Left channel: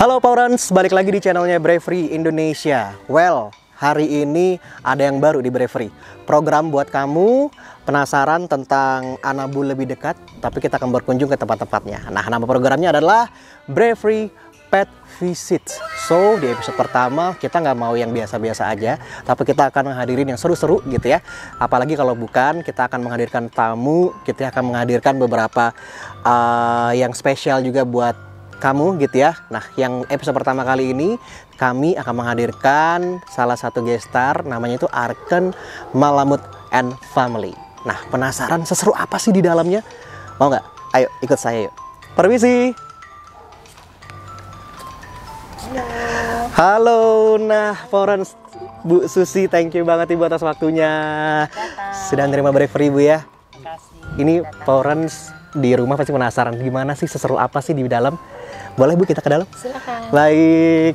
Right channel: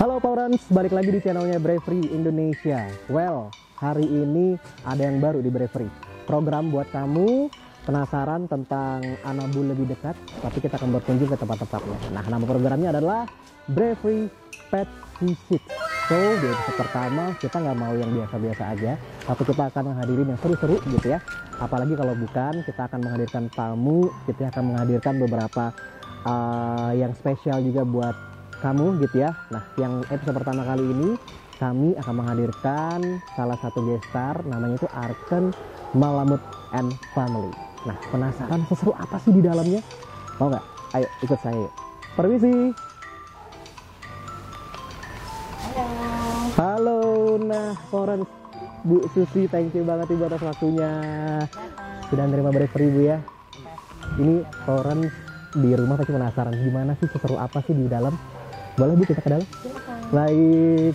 Halo Powerans, balik lagi di channelnya Bravery Indonesia. Well, hari ini ada yang baru di Bravery. Program buat kamu penasaran tentang Anabul lebih dekat, tapi kita akan berkunjung ke tempat-tempatnya. Nah, nama programnya adalah Bravery Pet Visit. So, di episode pertama kita nggak mau yang biasa-biasa aja, tapi kita akan menghadirin yang seru-seru gitu ya. Apalagi kalau bukan, kita akan menghadirkan tamu, kita akan menghadirkan beberapa yang spesial juga buat kamu gitu ya. Nah, yang episode pertama kali ini kami akan menghadirkan salah satu guest star, namanya itu Arken Malamut and Family. Nah, penasaran seseru apa sih di dalamnya? Mau nggak? Ayo ikut saya yuk. Permisi. Halo. Nah, Powerans, Bu Susi, thank you banget Ibu atas waktunya. Sudah nerima Bravery Bu ya. Ini Powerans di rumah pasti penasaran gimana sih, seseru apa sih di dalam? Boleh Bu kita ke dalam? Silakan. Baik.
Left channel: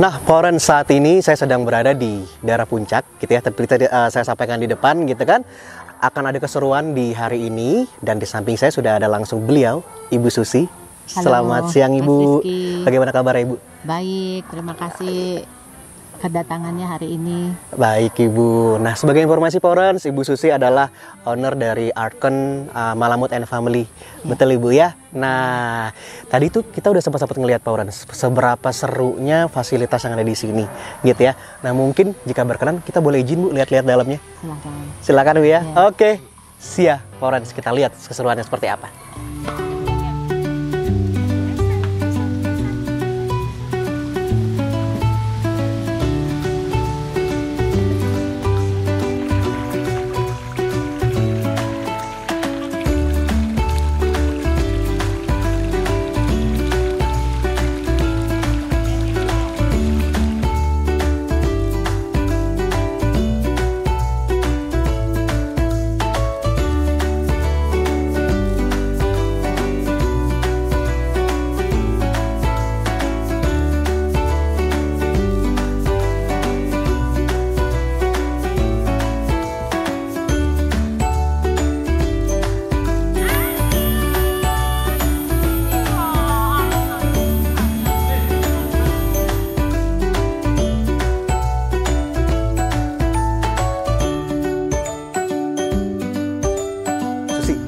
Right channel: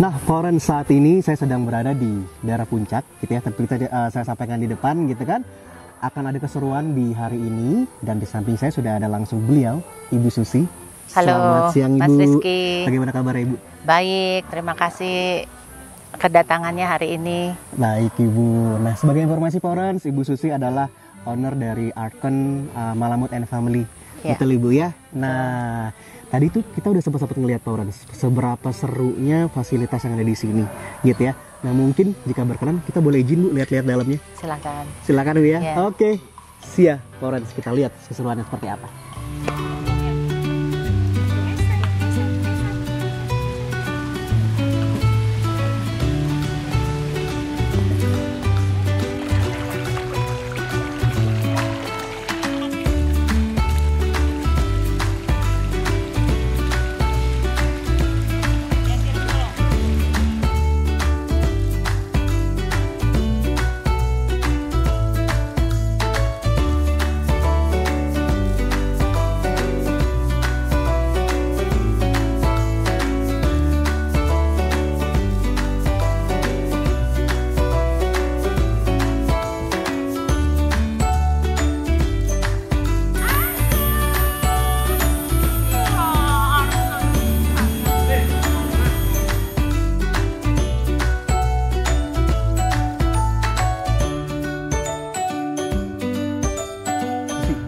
Nah, Powerans, saat ini saya sedang berada di daerah Puncak, gitu ya. Seperti saya sampaikan di depan, gitu kan. Akan ada keseruan di hari ini, dan di samping saya sudah ada langsung beliau, Ibu Susi. Halo, selamat siang Ibu. Mas Rizky. Bagaimana kabar Ibu? Baik, terima kasih kedatangannya hari ini. Baik Ibu. Nah, sebagai informasi Powerans, Ibu Susi adalah owner dari Arken Malamut and Family. Ya. Betul Ibu ya? Nah, tadi tuh kita udah sempat ngelihat Powerans seberapa serunya fasilitas yang ada di sini, gitu ya. Nah, mungkin jika berkenan kita boleh izin Bu lihat-lihat dalamnya. Silakan. Silakan Bu ya. Ya. Oke. Siap Powerans, kita lihat keseruannya seperti apa.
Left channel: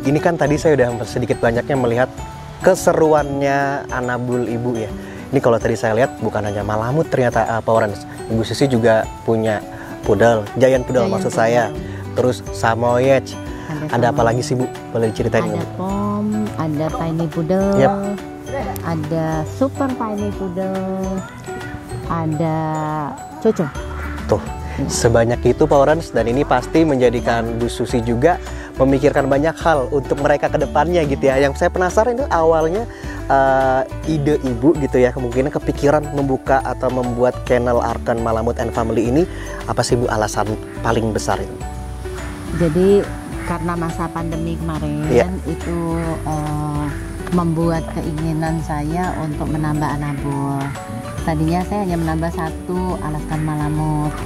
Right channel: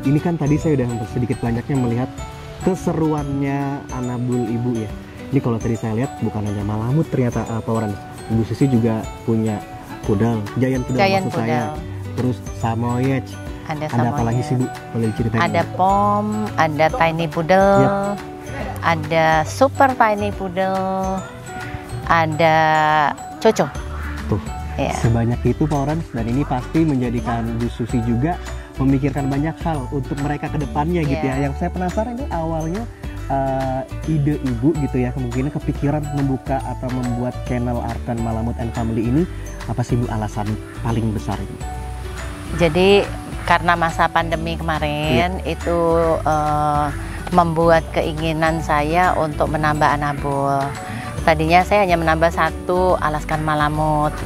Ini kan tadi saya udah sedikit banyaknya melihat keseruannya Anabul Ibu ya. Ini kalau tadi saya lihat bukan hanya Malamut ternyata Powerans. Ibu Susi juga punya pudel, giant pudel maksud saya. Terus Samoyed. Ada apa lagi sih Bu? Boleh diceritain? Ada Pom, ada Tiny Poodle, Yep. ada Super Tiny Poodle, ada Coco. Tuh, Ya. sebanyak itu Powerans, dan ini pasti menjadikan Bu Susi juga memikirkan banyak hal untuk mereka ke depannya gitu ya. Yang saya penasaran itu awalnya ide Ibu gitu ya, kemungkinan kepikiran membuka atau membuat channel Arken Malamut and Family ini, apa sih Bu alasan paling besar itu? Jadi karena masa pandemi kemarin itu membuat keinginan saya untuk menambah Anabul. Tadinya saya hanya menambah satu Alaskan Malamut,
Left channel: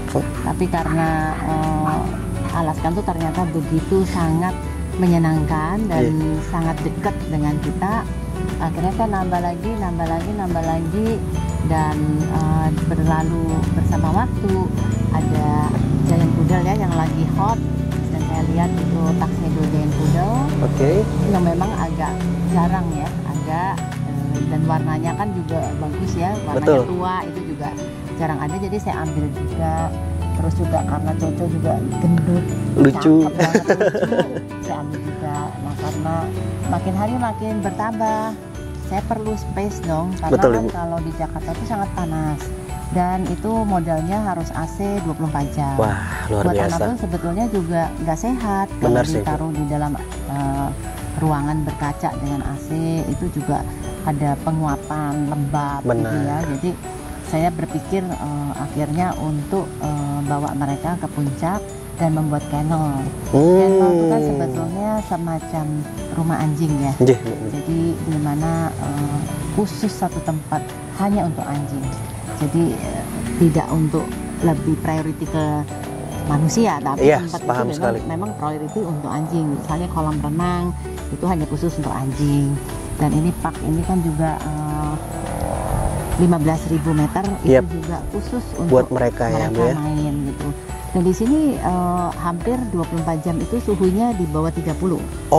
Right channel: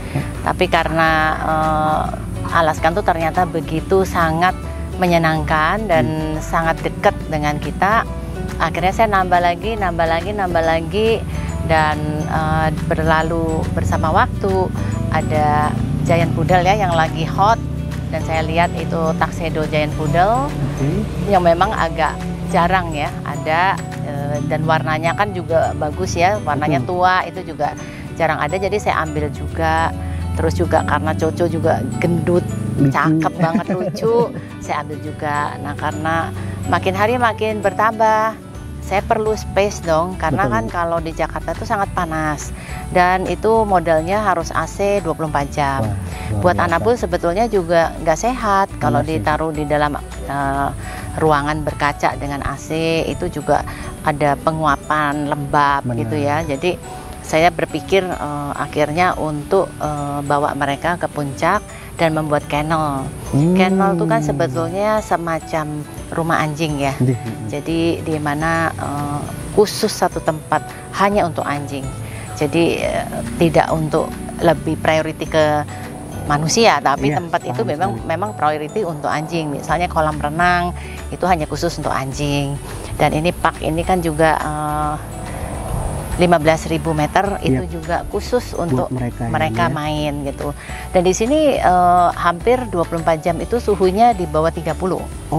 tapi karena Alaskan tuh ternyata begitu sangat menyenangkan dan sangat dekat dengan kita. Akhirnya saya nambah lagi, dan berlalu bersama waktu ada Giant Poodle ya yang lagi hot, dan saya lihat itu Tuxedo Giant Poodle yang memang agak jarang ya ada, dan warnanya kan juga bagus ya, warnanya tua itu juga jarang ada, jadi saya ambil juga. Terus juga karena Coco juga gendut, lucu, cakep banget, lucu, saya ambil juga. Nah, karena makin hari makin bertambah, saya perlu space dong, karena kan kalau di Jakarta itu sangat panas, dan itu modelnya harus AC 24 jam. Wah, buat Anabul sebetulnya juga nggak sehat kalau ditaruh di dalam ruangan berkaca dengan AC, itu juga ada penguapan lembab gitu ya. Jadi saya berpikir akhirnya untuk bawa mereka ke puncak dan membuat kennel. Kennel itu kan sebetulnya semacam rumah anjing ya. Jadi di mana khusus satu tempat hanya untuk anjing. Jadi tidak untuk lebih priority ke manusia, tapi tempat itu memang priority untuk anjing. Misalnya kolam renang itu hanya khusus untuk anjing. Dan ini park ini kan juga 15.000 meter itu juga khusus untuk mereka main gitu. Dan di sini hampir 24 jam itu suhunya di bawah 30.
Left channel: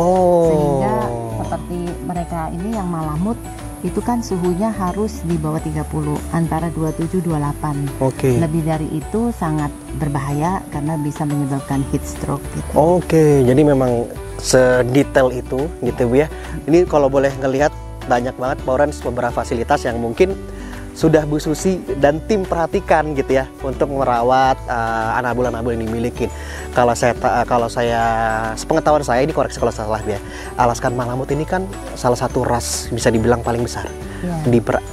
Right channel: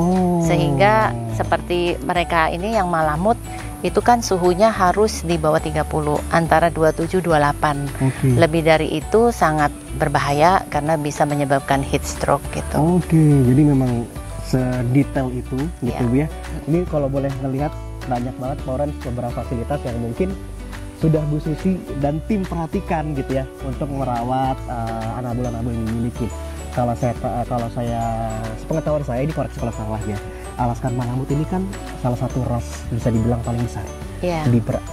Sehingga seperti mereka ini yang malamut itu kan suhunya harus di bawah 30, antara 27-28. Lebih dari itu sangat berbahaya karena bisa menyebabkan heat stroke gitu. Jadi memang sedetail itu gitu Bu ya. Ini kalau boleh ngelihat banyak banget Pak Orange beberapa fasilitas yang mungkin sudah Bu Susi dan tim perhatikan gitu ya untuk merawat anabul-anabul yang dimiliki. Kalau saya sepengetahuan saya, ini koreksi kalau salah ya, Alaskan Malamut ini kan salah satu ras bisa dibilang paling besar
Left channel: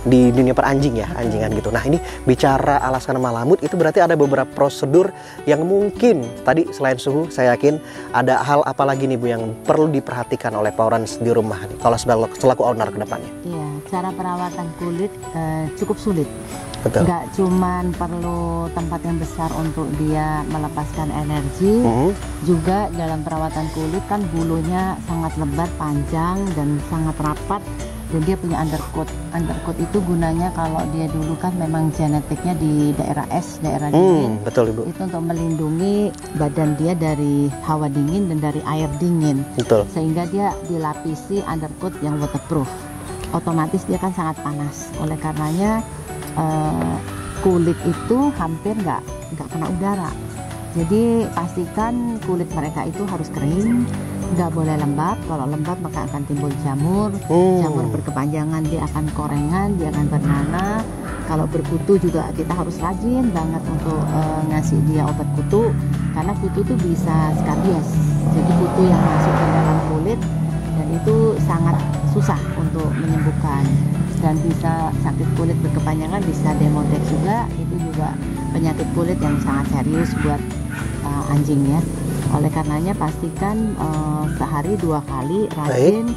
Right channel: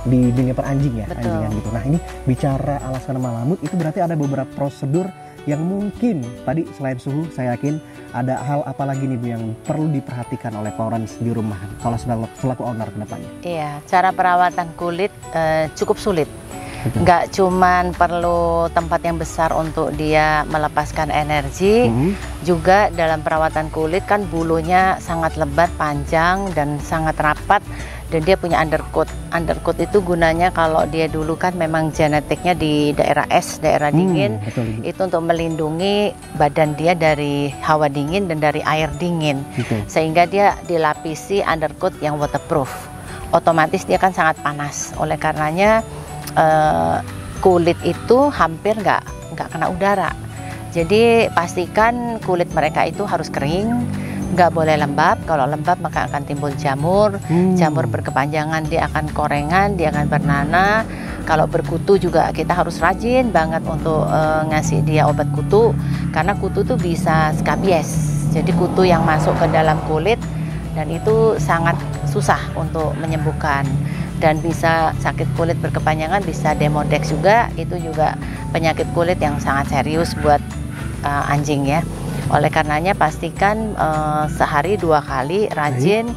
di dunia peranjing ya. Anjingan gitu. Nah ini bicara Alaskan Malamut itu berarti ada beberapa prosedur yang mungkin tadi selain suhu, saya yakin ada hal apa lagi nih Bu yang perlu diperhatikan oleh Pak Orange di rumah kalau selaku owner ke depannya. Iya, cara perawatan kulit cukup sulit. Nggak cuman perlu tempat yang besar untuk dia melepaskan energi, juga dalam perawatan kulit kan bulunya sangat lebat, panjang, dan sangat rapat. Dan dia punya undercoat. Undercoat itu gunanya kalau dia dulu kan memang genetiknya di daerah es, daerah dingin. Itu untuk melindungi badan dia dari hawa dingin dan dari air dingin. Sehingga dia dilapisi undercoat yang waterproof. Otomatis dia kan sangat panas. Oleh karenanya kulit itu hampir nggak kena udara. Jadi pastikan kulit mereka itu harus kering, nggak boleh lembab. Kalau lembab maka akan timbul jamur. Jamur berkepanjangan dia akan korengan, dia akan bernanah. Kalau berkutu juga kita harus rajin banget untuk ngasih dia obat kutu, karena kutu tuh bisa skabies. Jadi kutu yang masuk ke dalam kulit dan itu sangat susah untuk menyembuhkan. Dan bisa sakit kulit berkepanjangan, bisa demodex juga, itu juga penyakit kulit yang sangat serius buat anjing ya. Oleh karenanya pastikan sehari 2 kali rajin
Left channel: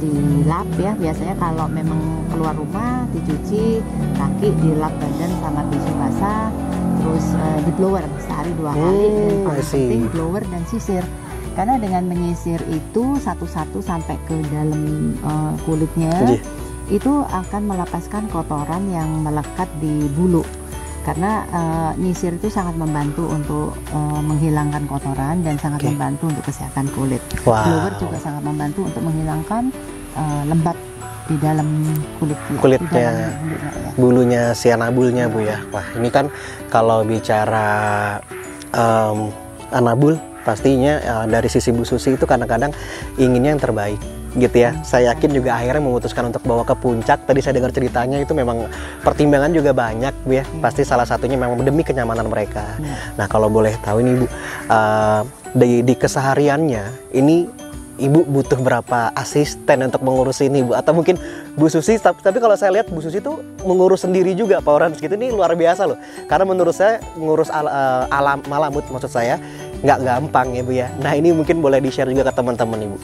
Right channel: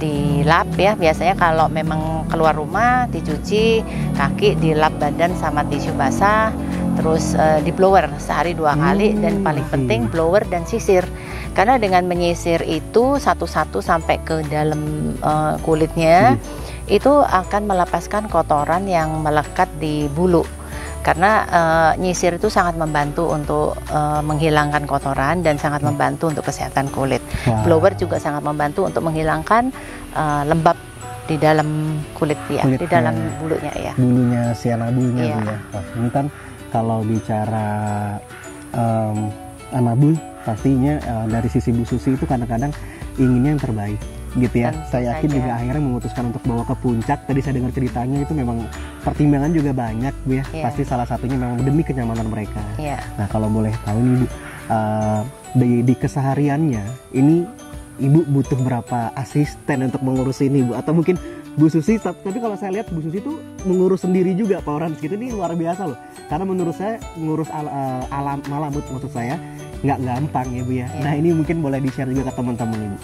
dilap ya. Biasanya kalau memang keluar rumah dicuci kaki, dilap badan sama tisu basah, terus di blower sehari 2 kali, dan paling penting blower dan sisir. Karena dengan menyisir itu satu-satu sampai ke dalam kulitnya, itu akan melepaskan kotoran yang melekat di bulu. Karena nyisir itu sangat membantu untuk menghilangkan kotoran dan sangat membantu untuk kesehatan kulit. Blower juga sangat membantu untuk menghilangkan lembab di dalam kulit ya, di dalam bulunya ya. Bulunya si anabulnya Bu ya. Wah ini kan kalau bicara anabul pastinya dari sisi Bu Susi itu kadang-kadang inginnya yang terbaik gitu ya. Saya yakin juga akhirnya memutuskan untuk bawa ke puncak. Tadi saya dengar ceritanya itu memang pertimbangan juga banyak Bu ya. Pasti salah satunya memang demi kenyamanan mereka. Nah kalau boleh tahu ini Bu, di kesehariannya ini Ibu butuh berapa asisten untuk mengurus ini Bu? Atau mungkin Bu Susi, tapi kalau saya lihat Bu Susi itu mengurus sendiri juga Pak Orange gitu. Ini luar biasa loh. Karena menurut saya ngurus alam malamut maksud saya nggak gampang ya Bu ya. Nah ini mungkin boleh di-share juga ke teman-teman Ibu.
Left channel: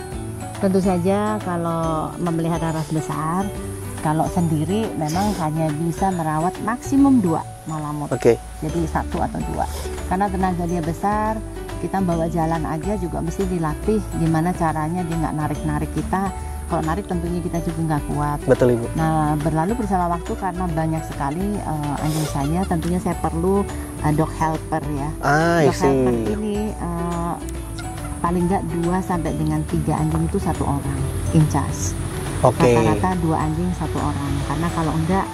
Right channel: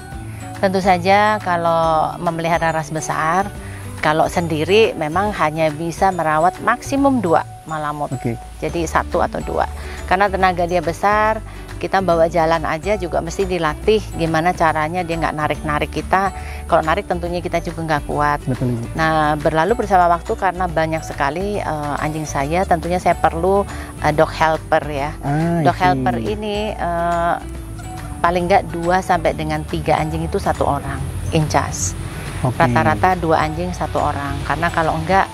Tentu saja kalau memelihara ras besar, kalau sendiri memang hanya bisa merawat maksimum 2 malamut. Jadi 1 atau 2. Karena tenaga dia besar, kita bawa jalan aja juga mesti dilatih gimana caranya dia nggak narik-narik kita. Kalau narik tentunya kita juga nggak kuat. Betul Ibu. Nah berlalu bersama waktu karena banyak sekali anjing saya, tentunya saya perlu dog helper ya. Dog helper ini paling nggak 2 sampai dengan 3 anjing itu 1 orang in charge. Rata-rata 2 anjing 1 orang. Karena kalau nggak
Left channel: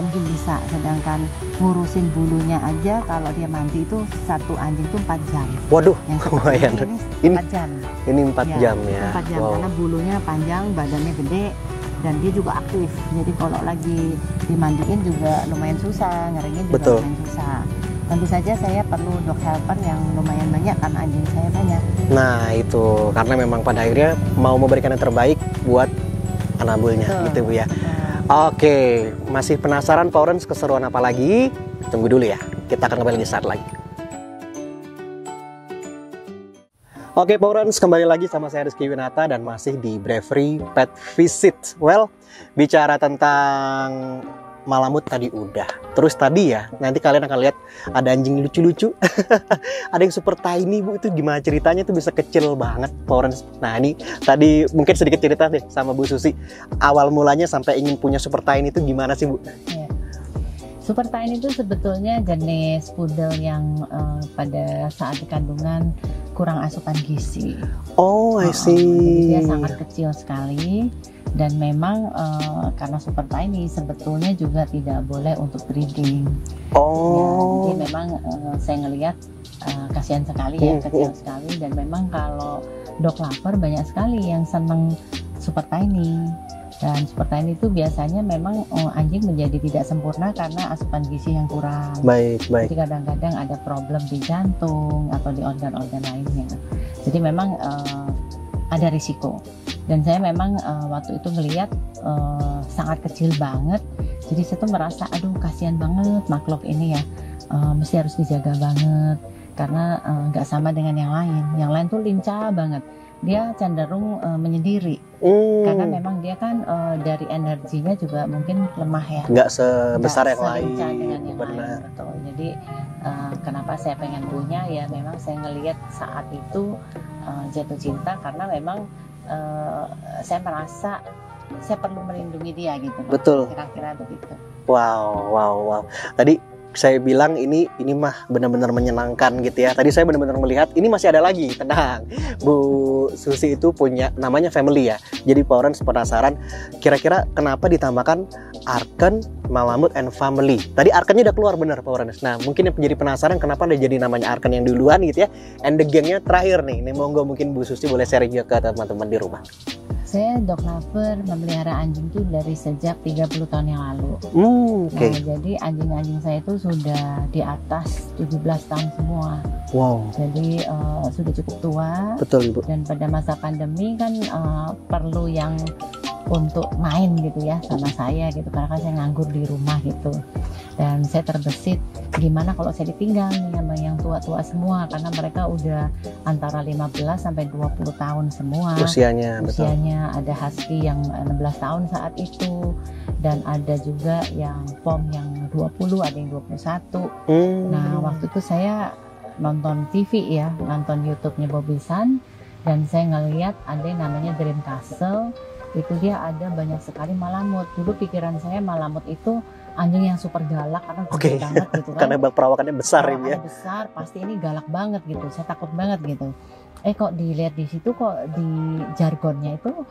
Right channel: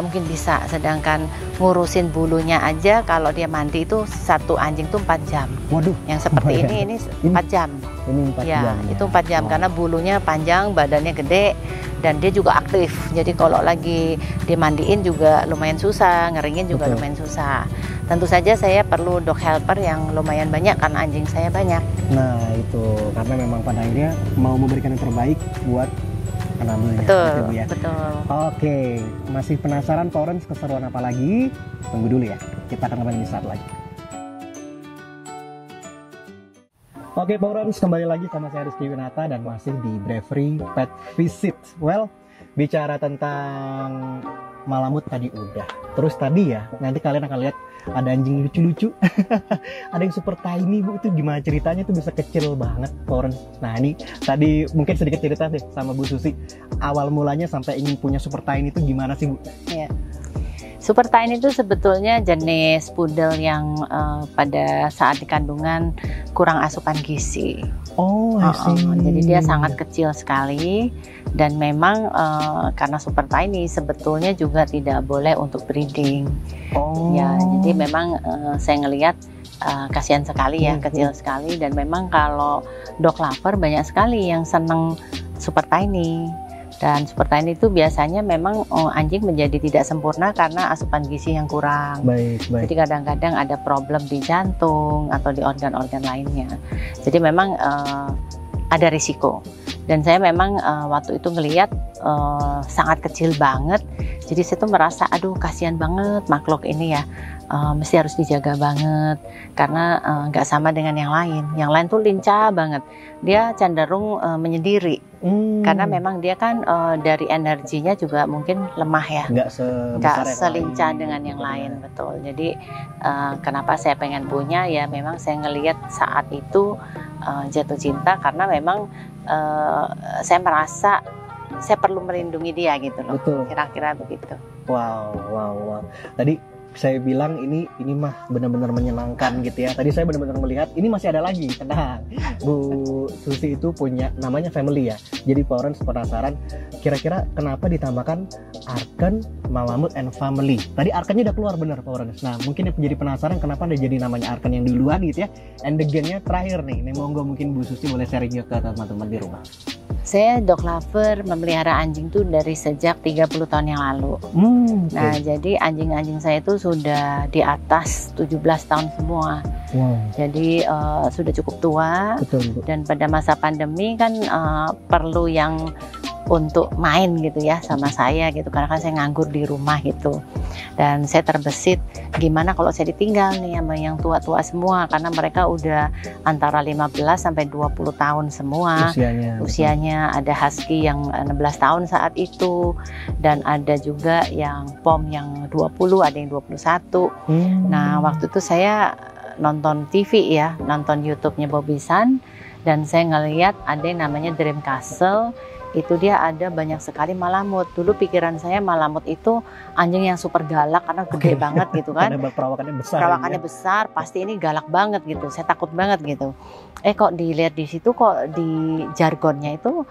mungkin bisa. Sedangkan ngurusin bulunya aja kalau dia mandi itu 1 anjing itu 4 jam. Waduh. Yang seperti ini 4 jam. Ini 4 jam ya. Itu 4 jam karena bulunya panjang, badannya gede, dan dia juga aktif. Jadi kalau lagi dimandiin juga lumayan susah, ngeringin juga lumayan susah. Tentu saja saya perlu dog helper yang lumayan banyak karena anjing saya banyak. Nah itu karena memang pada akhirnya mau memberikan yang terbaik buat anabulnya, Betul, gitu Bu ya. betul. Oke, masih penasaran Pak Orange keseruan apa lagi? Tunggu dulu ya, kita akan kembali saat lagi. Oke Pak Orange, kembali lagi sama saya Rizky Winata dan masih di Bravery Pet Visit. Well, bicara tentang malamut tadi udah. Terus tadi ya, nanti kalian akan lihat ada anjing lucu-lucu. Ada yang super tiny Bu, itu gimana ceritanya tuh bisa kecil banget Pak Orange. Nah ini tadi mungkin sedikit cerita deh sama Bu Susi. Awal mulanya sampai ingin punya super tiny itu gimana sih Bu? Ya. Super tiny itu sebetulnya jenis poodle yang pada saat di kandungan kurang asupan gizi. Oh, I see. Jadi dia sangat kecil sekali. Dan memang karena super tiny sebetulnya juga tidak boleh untuk breeding. Oh. Ya, jadi memang saya ngelihat kasihan sekali ya, kecil sekali. Dan memang kalau dog lover banyak sekali yang seneng super tiny. Dan super tiny itu biasanya memang anjing menjadi tidak sempurna karena asupan gizi yang kurang. Baik. Jadi kadang-kadang ada problem di jantung atau di organ-organ lainnya. Jadi memang ada risiko. Dan saya memang waktu itu ngelihat sangat kecil banget. Jadi saya tuh merasa aduh kasihan banget makhluk ini ya. Mesti harus dijaga banget karena nggak sama dengan yang lain. Yang lain tuh lincah banget. Dia cenderung menyendiri. Karena memang dia kan dari energinya juga mungkin lemah ya. Nggak sebesar yang selincah lain. dengan yang lain, betul. Jadi kenapa saya pengen punya ya memang saya ngelihat saat itu jatuh cinta karena memang saya merasa saya perlu melindungi dia gitu loh. Betul. Kira-kira begitu. Wow. Tadi saya bilang ini mah benar-benar menyenangkan gitu ya. Tadi saya benar-benar melihat ini masih ada lagi. Tenang, Bu Susi itu punya namanya family ya. Jadi Pak Orange penasaran kira-kira kenapa ditambahkan Arken, Malamut and Family. Tadi Arkennya udah keluar benar Pak Orange. Nah mungkin yang menjadi penasaran kenapa ada jadi namanya Arken yang duluan gitu ya. And the gangnya terakhir nih. Nih monggo mungkin Bu Susi boleh sharing juga ke teman-teman di rumah. Saya dog lover memelihara anjing tuh dari sejak 30 tahun yang lalu. Nah, jadi anjing-anjing saya itu sudah di atas 17 tahun semua. Wow. Jadi sudah cukup tua. Betul, Bu. Dan pada masa pandemi kan perlu yang untuk main gitu ya sama saya gitu karena kan saya nganggur di rumah gitu. Dan saya terbesit gimana kalau saya ditinggal nih sama yang tua-tua semua karena mereka udah antara 15 sampai 20 tahun semua. Usianya ada husky yang 16 tahun saat itu dan ada juga yang pom yang 20, ada yang 21. Nah, waktu itu saya nonton TV ya, nonton YouTube-nya Bobby San dan saya ngelihat ada yang namanya Dream Castle. Itu dia ada banyak sekali malamut. Dulu pikiran saya malamut itu anjing yang super galak karena gede banget gitu kan. Karena perawakannya besar. Perawakannya besar, pasti ini galak banget gitu. Saya takut banget gitu. Kok dilihat di situ kok di jargonnya itu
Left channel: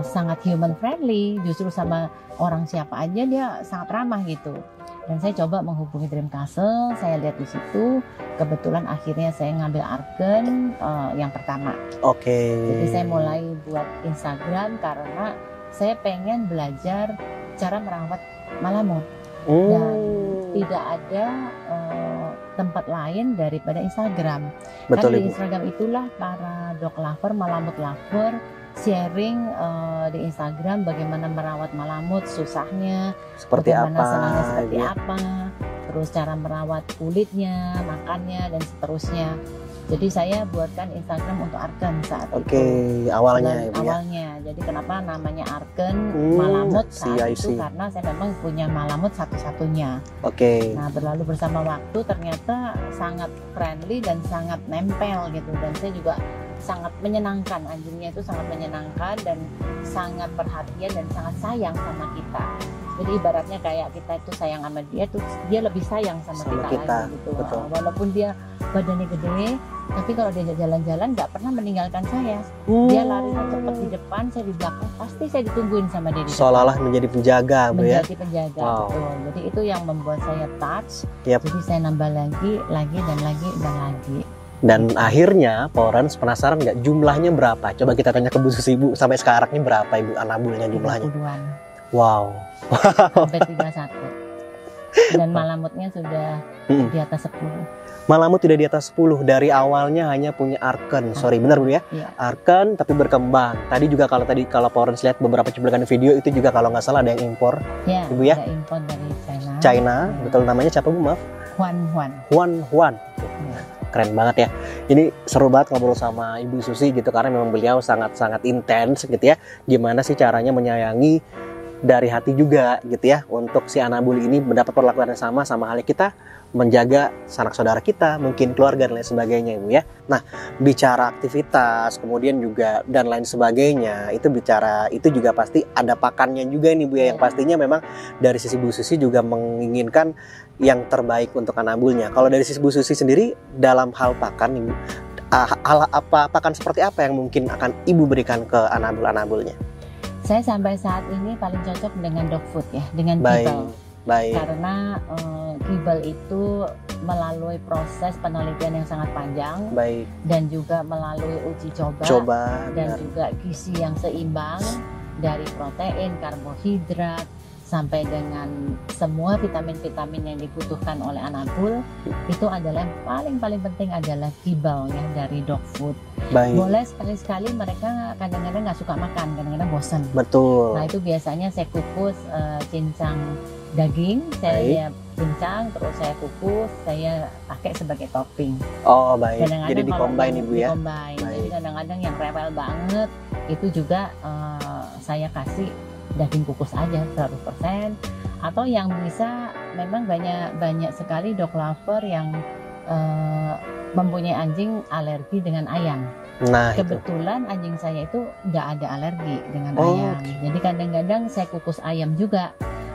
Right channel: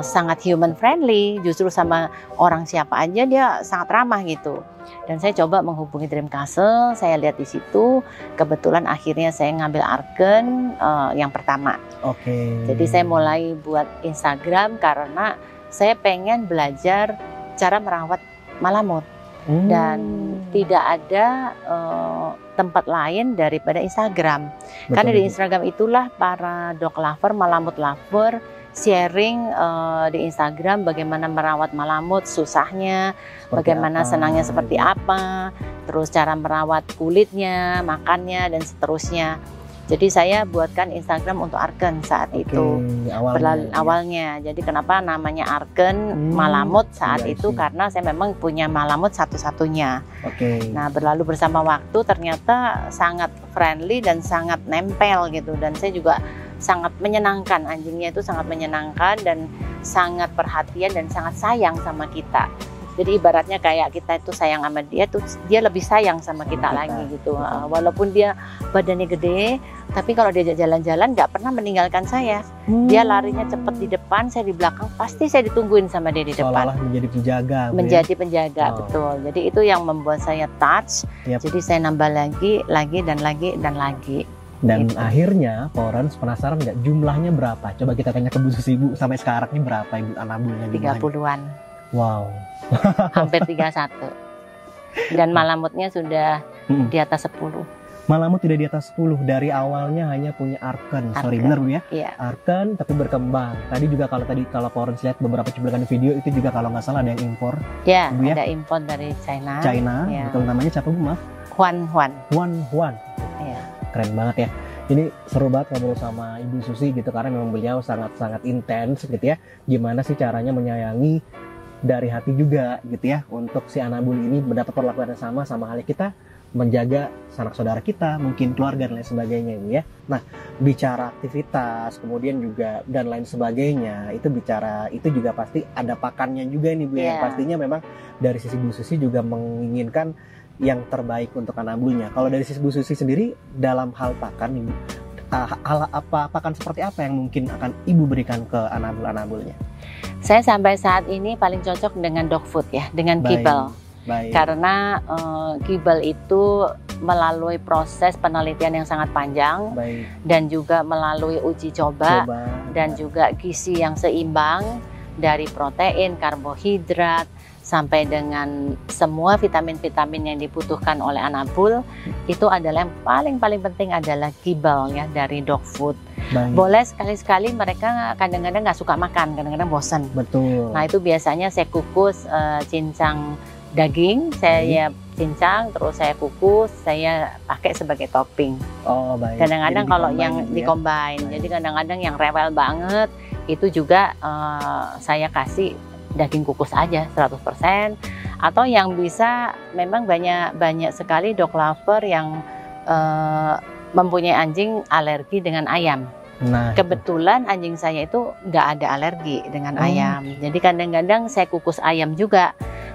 sangat human friendly, justru sama orang siapa aja dia sangat ramah gitu. Dan saya coba menghubungi Dream Castle, saya lihat di situ, kebetulan akhirnya saya ngambil Arken yang pertama. Jadi saya mulai buat Instagram karena saya pengen belajar cara merawat malamut dan tidak ada tempat lain daripada Instagram. Karena di Instagram itulah para dog lover, malamut lover sharing di Instagram bagaimana merawat malamut, susahnya, bagaimana senangnya seperti apa, terus cara merawat kulitnya, makannya dan seterusnya. Jadi saya buatkan Instagram untuk Arken saat itu. Awalnya. Jadi kenapa namanya Arken Malamut saat itu karena saya memang punya malamut satu-satunya. Nah, berlalu bersama waktu ternyata sangat friendly dan sangat nempel gitu dan saya juga sangat menyenangkan, anjingnya itu sangat menyenangkan dan sangat perhatian dan sangat sayang sama kita. Jadi ibaratnya kayak kita itu sayang sama dia tuh dia lebih sayang sama kita lagi gitu. Walaupun dia badannya gede, tapi kalau diajak jalan-jalan nggak pernah meninggalkan saya. Dia larinya cepet di depan, saya di belakang, pasti saya ditungguin sama dia di depan. Seolah-olah menjadi penjaga. Menjadi penjaga, betul. Jadi itu yang membuat saya touch. Jadi saya nambah lagi dan lagi. Dan akhirnya Pak Orange penasaran nggak jumlahnya berapa? Coba kita tanya ke Bu Susi, Bu, sampai sekarang ini berapa Ibu anabulnya jumlahnya? 30-an. Wow. Hampir 31. Dan malamutnya sudah di atas 10. Malamut tidak di atas 10, dari awalnya hanya punya arken. Sorry, benar Bu ya? Iya. Arken tapi berkembang. Tadi juga kalau Florence lihat beberapa cuplikan video itu juga kalau nggak salah ada yang impor. Ya, Ibu ya? ada impor dari China. China, Ya. betul namanya siapa Bu, maaf? Huan. Huan. Ya. Keren banget ya. Ini seru banget ngobrol sama Ibu Susi gitu karena memang beliau sangat-sangat intens gitu ya. Gimana sih caranya menyayangi dari hati juga gitu ya untuk si Anabul ini mendapat perlakuan yang sama halnya kita menjaga sanak saudara kita, mungkin keluarga dan lain sebagainya Ibu ya. Nah, bicara aktivitas, kemudian juga dan lain sebagainya, itu juga pasti ada pakannya juga nih Bu ya. Yang pastinya memang dari sisi Bu Susi juga menginginkan yang terbaik untuk Anabulnya. Kalau dari sisi Bu Susi sendiri dalam hal pakan Ibu, pakan seperti apa yang mungkin akan Ibu berikan ke Anabul-Anabulnya? Saya sampai saat ini paling cocok dengan dog food ya, dengan kibble. Baik. Karena kibble itu melalui proses penelitian yang sangat panjang. Baik. Dan juga melalui uji coba dan juga gizi yang seimbang dari protein, karbohidrat, sampai dengan semua vitamin-vitamin yang dibutuhkan oleh Anabul. Itu adalah yang paling penting adalah kibble ya dari dog food. Baik. Boleh sekali-sekali mereka kadang-kadang nggak suka makan, kadang-kadang bosan. Betul. Nah itu biasanya saya kukus cincang daging, saya cincang, terus saya kukus, saya pakai sebagai topping. Oh baik. Kadang-kadang kalau yang di-combine, jadi kadang-kadang yang rewel banget, itu juga saya kasih daging kukus aja 100%. Atau yang bisa, memang banyak sekali dog lover yang mempunyai anjing alergi dengan ayam. Nah, kebetulan anjing saya itu nggak ada alergi dengan ayam. Jadi kadang-kadang saya kukus ayam juga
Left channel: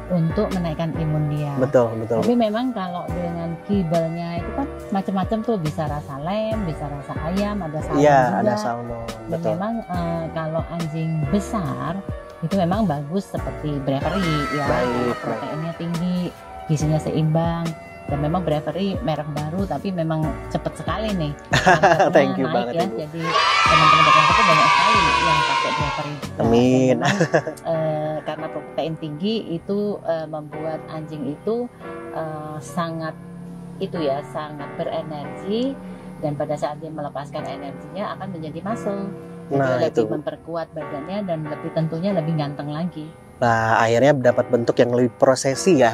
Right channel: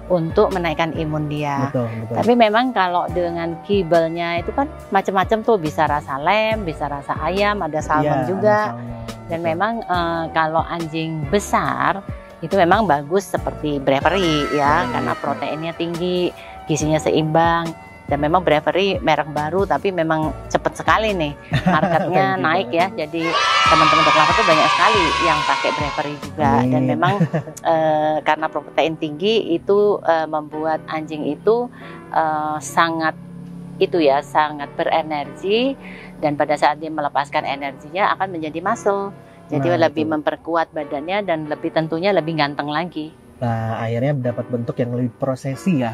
untuk menaikkan imun dia. Betul. Tapi memang kalau dengan kibble-nya itu kan macam-macam tuh, bisa rasa lem, bisa rasa ayam, ada salmon juga. Ada salmon. Dan memang kalau anjing besar itu memang bagus seperti Bravery ya, karena proteinnya tinggi, gizinya seimbang. Dan memang Bravery merek baru tapi memang cepat sekali nih marketnya naik ya. Jadi teman-teman dog lover tuh banyak sekali yang pakai Bravery juga. Dan memang karena protein tinggi itu membuat anjing itu sangat berenergi, dan pada saat dia melepaskan energinya akan menjadi muscle. Jadi lebih memperkuat badannya dan tentunya lebih ganteng lagi. Nah, akhirnya dapat bentuk yang lebih presisi lah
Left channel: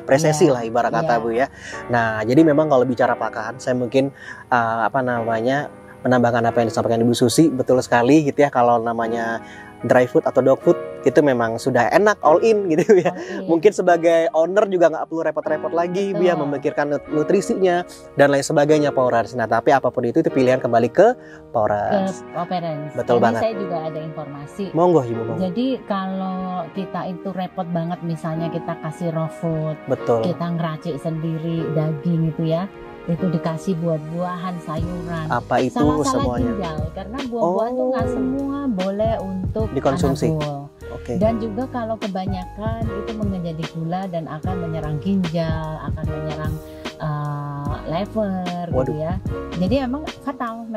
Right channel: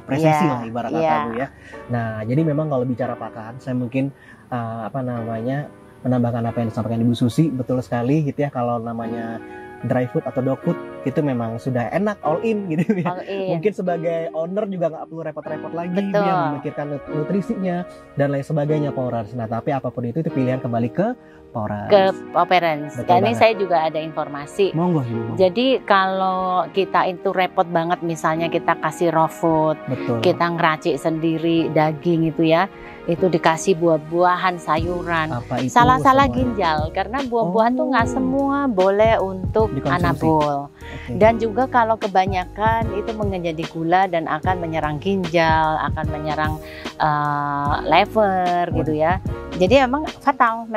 ibarat kata Bu ya. Nah, jadi memang kalau bicara pakan, saya mungkin menambahkan apa yang disampaikan Ibu Susi, betul sekali gitu ya. Kalau namanya dry food atau dog food itu memang sudah enak all in gitu ya. Mungkin sebagai owner juga nggak perlu repot-repot lagi ya memikirkan nutrisinya dan lain sebagainya Florence. Nah, tapi apapun itu pilihan kembali ke Florence. Betul banget. Ini saya juga ada informasi. Monggo Ibu. Jadi kalau kita itu repot banget, misalnya kita kasih raw food, kita ngeracik sendiri daging itu ya, itu dikasih buah-buahan, sayuran. Salah ginjal, karena buah-buahan tuh nggak semua boleh untuk Anabul. Dan juga kalau kebanyakan itu menjadi gula dan akan menyerang ginjal, akan menyerang liver gitu ya. Jadi memang fatal.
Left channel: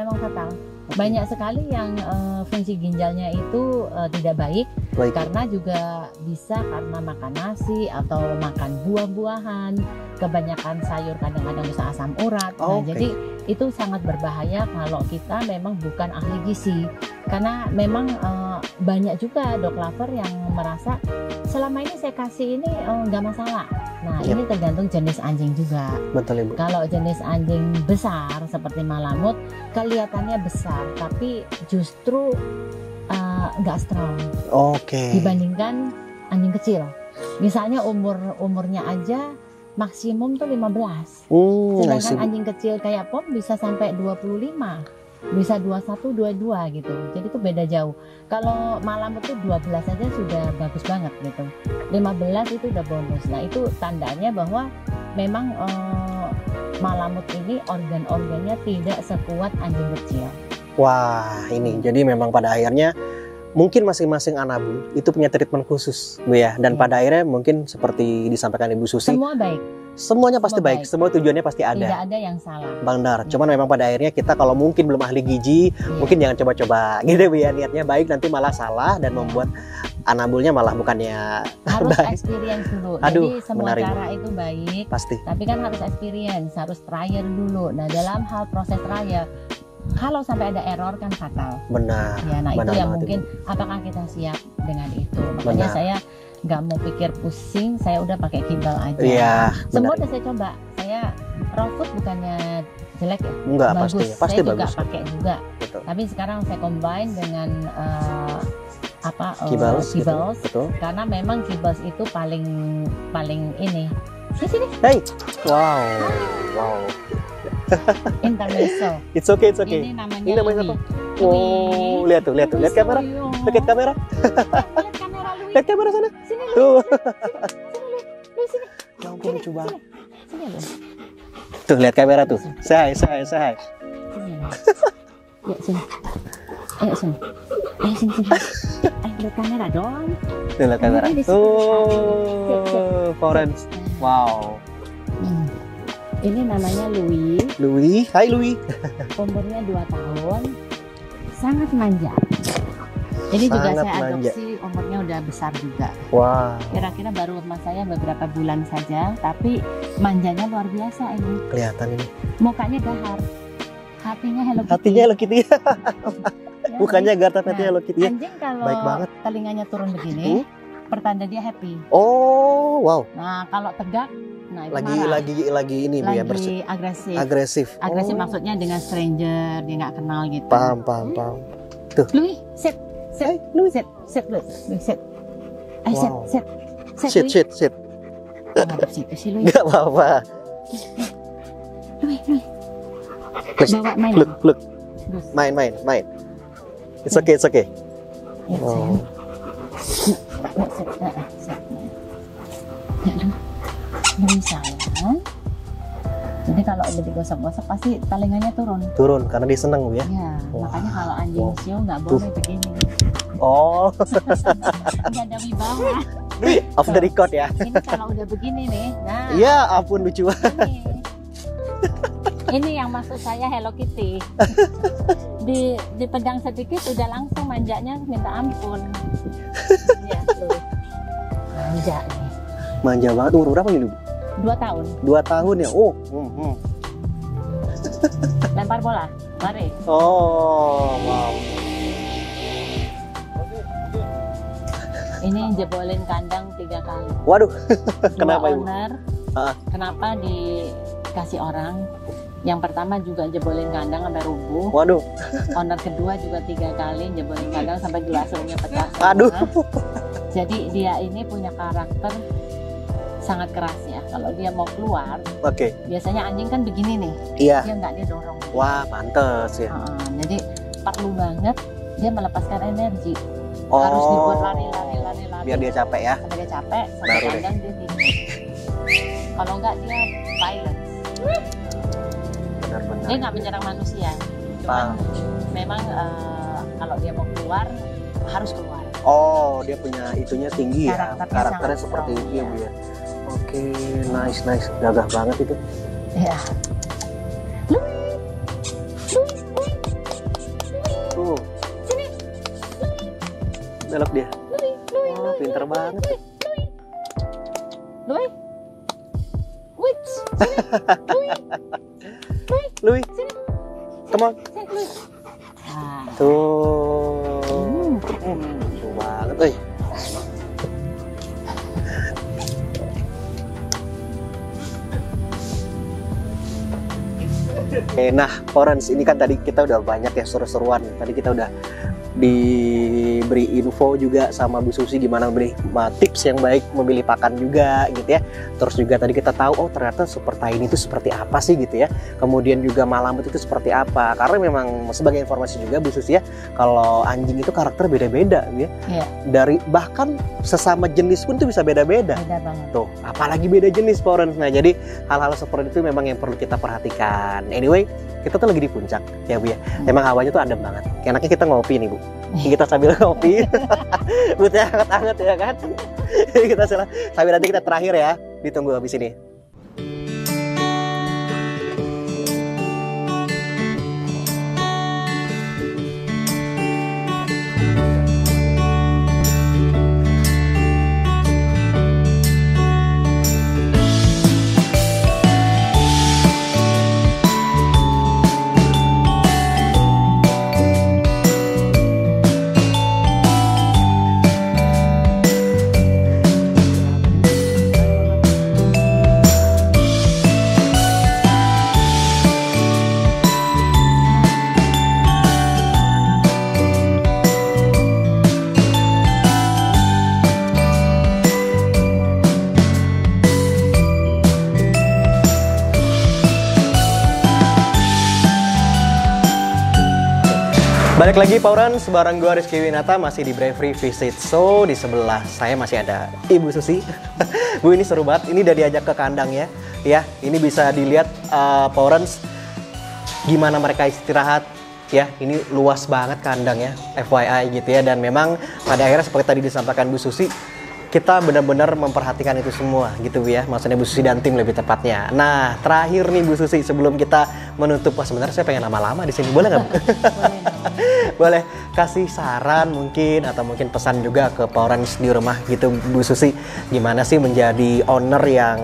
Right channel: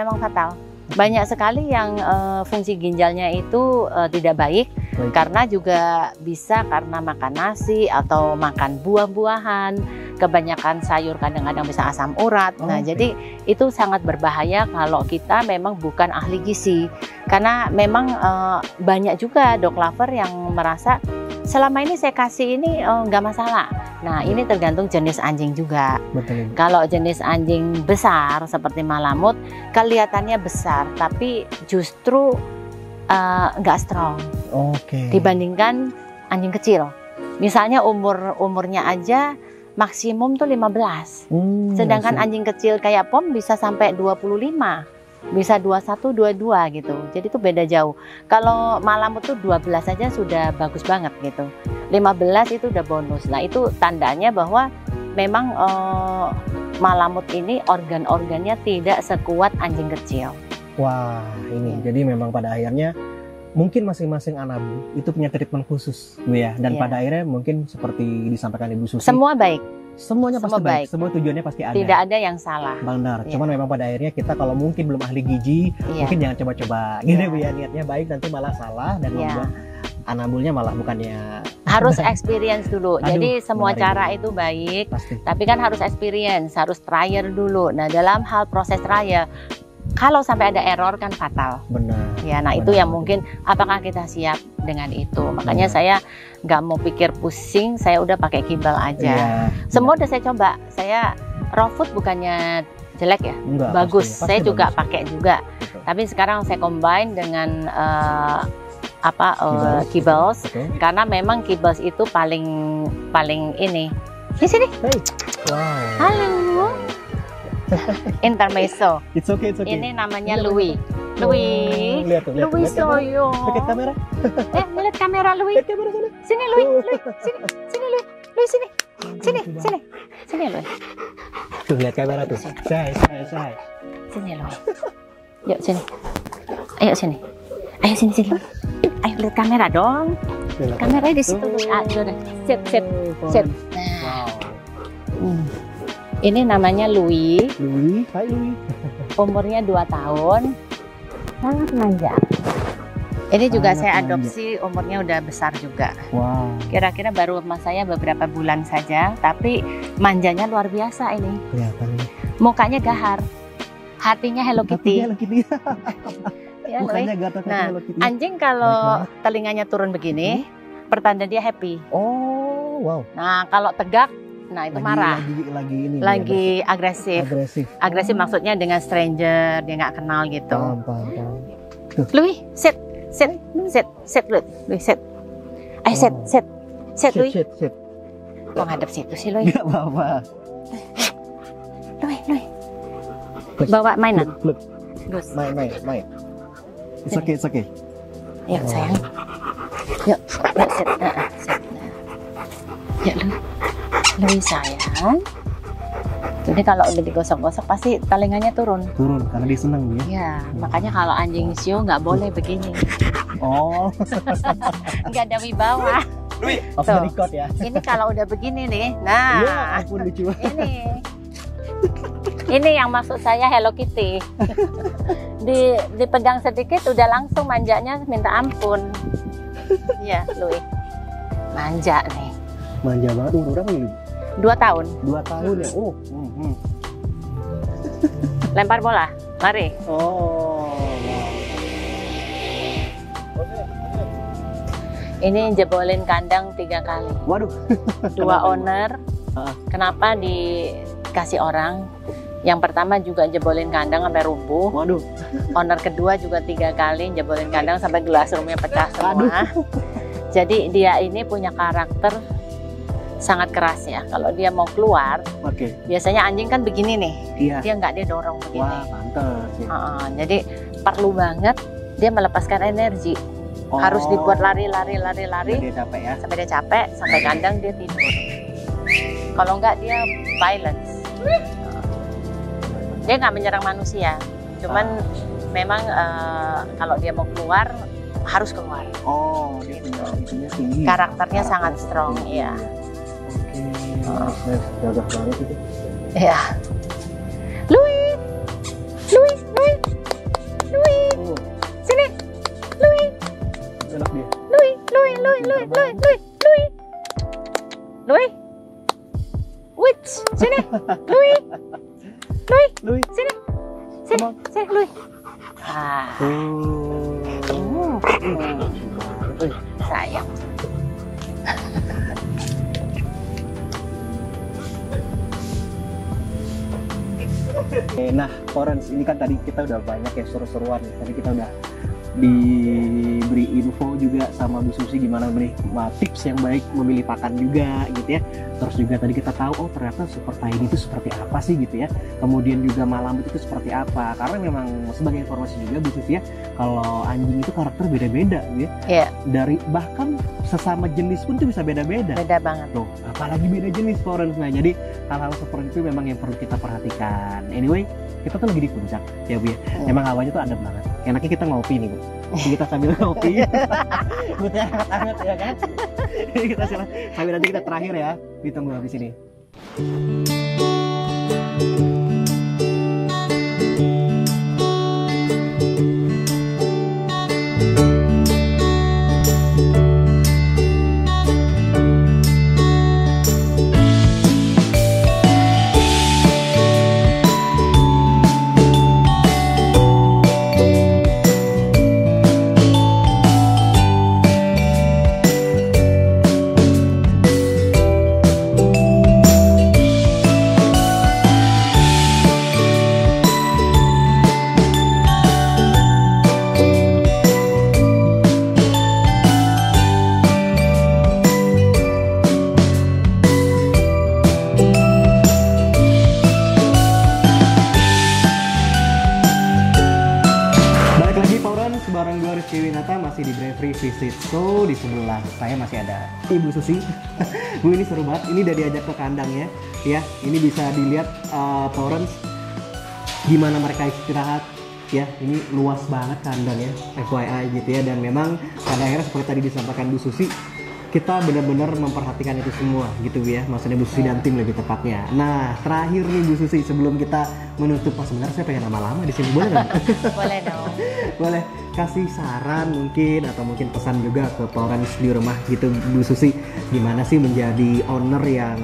Banyak sekali yang fungsi ginjalnya itu tidak baik. Karena juga bisa karena makan nasi atau makan buah-buahan, kebanyakan sayur kadang-kadang bisa asam urat. Nah, jadi itu sangat berbahaya kalau kita memang bukan ahli gizi. Karena memang banyak juga dog lover yang merasa selama ini saya kasih ini nggak masalah. Nah, ini tergantung jenis anjing juga. Betul, Ibu. Kalau jenis anjing besar seperti Malamut, kelihatannya besar, tapi justru nggak strong. Dibandingkan anjing kecil. Misalnya umurnya aja maksimum tuh 15. Sedangkan anjing kecil kayak Pom bisa sampai 25. Bisa 21, 22 gitu. Jadi itu beda jauh. Kalau Malamut tuh 12 aja sudah bagus banget gitu. 15 itu udah bonus. Nah, itu tandanya bahwa memang Malamut ini organ-organnya tidak sekuat anjing kecil. Wah, ini jadi memang pada akhirnya mungkin masing-masing Anabul itu punya treatment khusus, Bu ya. Dan pada akhirnya mungkin seperti disampaikan Ibu Susi, semua baik. Semuanya pasti baik. Semua tujuannya pasti ada. Tidak ada yang salah. Benar. Cuman memang pada akhirnya kita kalau mungkin belum ahli gizi, mungkin jangan coba-coba gitu Bu ya. Niatnya baik nanti malah salah dan membuat Anabulnya malah bukannya Harus baik. experience dulu. Aduh, Jadi semua menarik. cara itu baik, Pasti. tapi kan harus experience, harus trial dulu. Nah, dalam hal proses trial, kalau sampai ada error kan fatal. Benar. Ya, nah itu Benar yang banget mungkin apakah kita siap dengan itu. Makanya Benar. saya nggak mau pikir pusing, saya udah pakai kibal aja. Iya. Semua benar. udah saya coba. Saya raw food bukannya jelek ya, Enggak, bagus. pasti Saya juga bagus. pakai juga. Betul. Tapi sekarang saya combine dengan Kibals, kibals. Betul. Karena memang kibals itu paling ini. Di sini. Hey. Wow. Halo. Wow. Intermezzo. It's okay, it's okay. Ini namanya Ini namanya Louis. apa? Louis. Lihat tuh, lihat Louis kamera. Soyo. Lihat kamera. Lihat kamera Louis. Lihat kamera sana. Sini Louis. Tuh. Sini. Sini Louis. Louis sini. Sini. Lucu banget. Sini. Sini Louis. Tuh, lihat kamera tuh. Say. Sini Louis. Yuk sini. Ayo sini. Ayo sini. Ayo lihat kamera dong. Tuh, lihat Kameranya di situ. Ah, sudah. Sip. Florence. Nah. Wow. Ini namanya Louis. Louis. Hai Louis. Umurnya 2 tahun. Sangat manja. Ini juga Sangat saya manja. adopsi, umurnya udah besar juga. Wah, Kira-kira baru sama saya beberapa bulan saja, tapi manjanya luar biasa ini. kelihatan ini. Mukanya gahar, hatinya Hello Kitty. Hatinya Hello Kitty. Ya, Bukannya Louis. Garta tapi Nah, Hello Kitty. Anjing Baik kalau banget. telinganya turun begini, pertanda dia happy. Oh, wow. Nah, kalau tegak, nah itu marah. Lagi ini dia Lagi agresif. agresif. Agresif Oh, maksudnya dengan stranger, dia nggak kenal gitu. Paham. Louis, sit, Louis, sit. Ayo Wow. sit, Louis. Shit. Kok ngadep situ sih Louis? Enggak apa-apa. Louis. Please. Bawa mainan. Look. Gus. Main. It's okay. Yuk Oh. sayang. Yuk sit. Sit. Yuk Louis sayang. Jadi kalau udah digosok-gosok pasti telinganya turun. Turun karena dia seneng ya. Ya, Wah. makanya kalau anjing show nggak boleh begini. Oh, Nggak ada wibawa. off the Tuh. record ya. Ini kalau udah begini nih, nah. Ya ampun lucu banget. Ini yang maksud saya Hello Kitty. Dipegang sedikit udah langsung manjanya minta ampun. Iya, Louis. Manja nih. Manja banget. Umur berapa ini? 2 tahun. 2 tahun ya. Oh. Lempar bola. Mari. Oh, wow. Ini jebolin kandang 3 kali. Waduh. 2 Kenapa, Ibu? owner. Ah. Kenapa dikasih orang? Yang pertama juga jebolin kandang sampai rubuh. Waduh. Owner kedua juga 3 kali jebolin kandang sampai gelas rumahnya pecah semua. Aduh. Jadi dia ini punya karakter sangat keras ya. Kalau dia mau keluar, Oke. biasanya anjing kan begini nih. Iya. Dia nggak, dia dorong begini. Wah, pantes ya. Jadi perlu banget dia melepaskan energi. Oh. Harus dibuat lari Biar dia capek ya. sampai dia capek, sampai Lari. kandang dia tidur. Kalau nggak dia violence. Dia nggak menyerang manusia. Cuman memang kalau dia mau keluar harus keluar. Oh, dia punya itunya tinggi. Karakternya ya. sangat seperti strong, itu iya. ya. Oke, nice. Gagah banget itu. Ya. Louis. Oh, Sini. Louis. belok dia. Pinter banget. Louis. Which? Sini. Louis, Sini. come on. Sini, Louis. Ah. Tuh. Lucu banget. Sayang. Oke, nah, Florence, ini kan tadi kita udah banyak ya seru-seruan. Tadi kita udah diberi info juga sama Bu Susi gimana memberi tips yang baik memilih pakan juga gitu ya. Terus juga tadi kita tahu oh ternyata super tiny itu seperti apa sih gitu ya. Kemudian juga malamut itu seperti apa. Karena memang sebagai informasi juga Bu Susi ya, kalau anjing itu karakter beda-beda gitu ya. Iya. Dari bahkan sesama jenis pun itu bisa beda-beda. Beda banget. Tuh, apalagi beda jenis Florence. Nah, jadi hal-hal seperti itu memang yang perlu kita perhatikan. Anyway, kita tuh lagi di puncak ya Bu ya. Memang hawanya tuh adem banget. Enaknya kita ngopi nih Bu. Kita sambil ngopi. Butuhnya hangat-hangat ya kan. Kita sambil nanti kita terakhir ya. Ditunggu habis ini. Pagi Pauran, sebarang gue Rizky Winata masih di Bravery Visit. So, di sebelah saya masih ada Ibu Susi. Bu, ini seru banget, ini udah diajak ke kandang ya. Ya, ini bisa dilihat Pauran gimana mereka istirahat. Ya, ini luas banget kandangnya, FYI gitu ya. Dan memang pada akhirnya seperti tadi disampaikan Bu Susi, kita benar-benar memperhatikan itu semua gitu Bu ya. Maksudnya Bu Susi dan tim lebih tepatnya. Nah, terakhir nih Bu Susi, sebelum kita menutup, wah sebenarnya saya pengen lama-lama di sini. Boleh nggak Bu? Boleh dong. Boleh kasih saran mungkin atau mungkin pesan juga ke Paurans di rumah gitu Bu Susi, gimana sih menjadi owner yang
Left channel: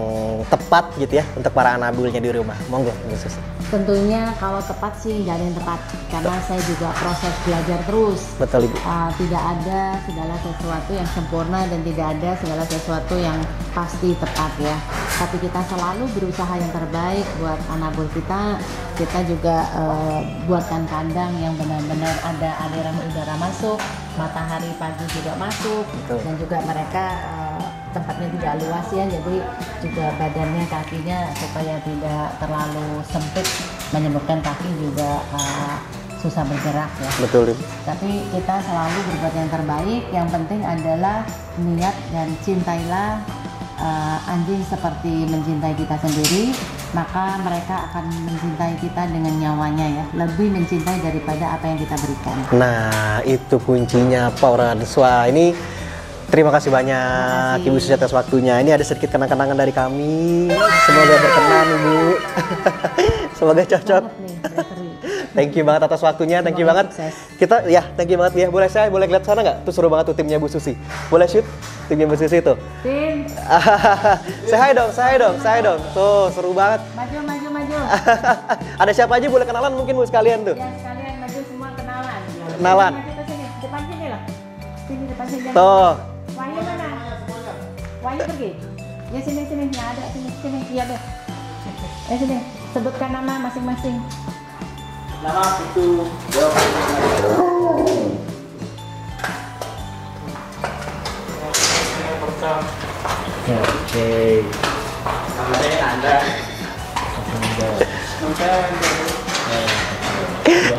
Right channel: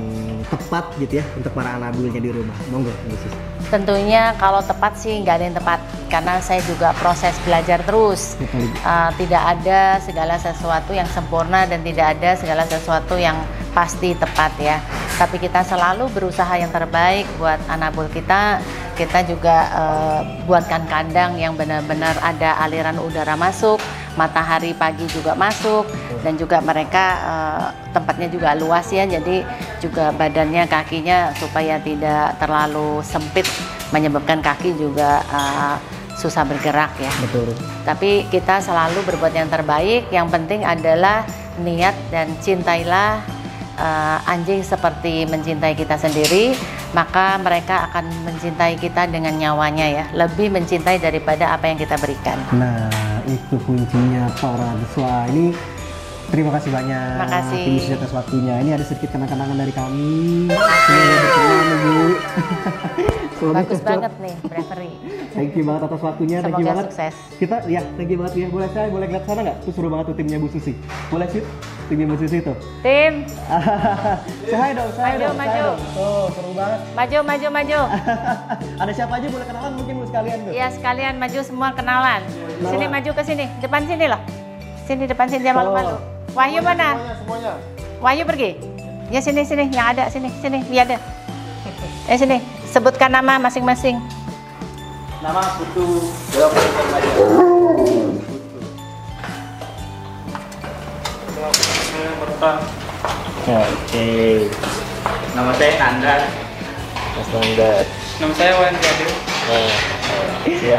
tepat gitu ya untuk para anabulnya di rumah. Monggo Bu Susi. Tentunya kalau tepat sih nggak ada yang tepat, karena saya juga proses belajar terus. Betul Ibu. Tidak ada segala sesuatu yang sempurna dan tidak ada segala sesuatu yang pasti tepat ya. Tapi kita selalu berusaha yang terbaik buat anabul kita. Kita juga buatkan kandang yang benar-benar ada aliran udara masuk, matahari pagi juga masuk, dan juga mereka tempatnya juga luas ya, jadi juga badannya, kakinya supaya tidak terlalu sempit menyebabkan kaki juga susah bergerak ya. Betul. Tapi kita selalu berbuat yang terbaik. Yang penting adalah niat dan cintailah anjing seperti mencintai kita sendiri, maka mereka akan mencintai kita dengan nyawanya ya, lebih mencintai daripada apa yang kita berikan. Nah, itu kuncinya Paurans. Wah, ini terima kasih banyak Ibu Susi atas waktunya. Ini ada sedikit kenang-kenangan dari kami. Semoga berkenan Ibu. Semoga Bagus cocok. banget nih, Bravery. Thank you banget atas waktunya, thank you banget. Sukses. Kita ya, thank you banget ya. Boleh saya boleh lihat sana nggak? Tuh seru banget tuh timnya Bu Susi. Boleh shoot timnya Bu Susi tuh. Tim, Say hi dong, say hi dong, Maju, say hi maju. dong. Tuh seru banget. maju. Ada siapa aja boleh kenalan mungkin Bu sekalian tuh. Ya sekalian maju semua kenalan. Kenalan. Sini, maju ke sini, depan sini loh. Sini depan sini jangan Tuh. maju. Wahyu mana? Wahyu pergi. Ya sini yang ada sini lihat deh. Sini sebutkan nama masing-masing. Nama Putu. Oke. Nama saya Nanda. Nama saya Wan.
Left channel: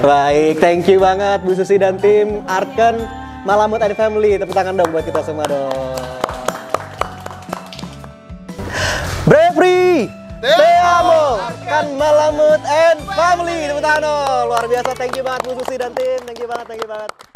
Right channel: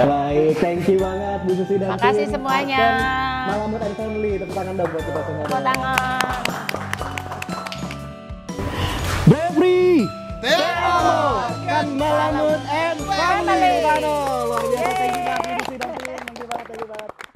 Baik, thank you banget Bu Susi dan Makasih tim semuanya. Arken Malamut and Family. Tepuk tangan dong buat kita semua dong. Bravery, te amo, kan Malamut and Family. Tepuk tangan dong. Luar biasa, thank you banget Bu Susi dan tim. Thank you banget.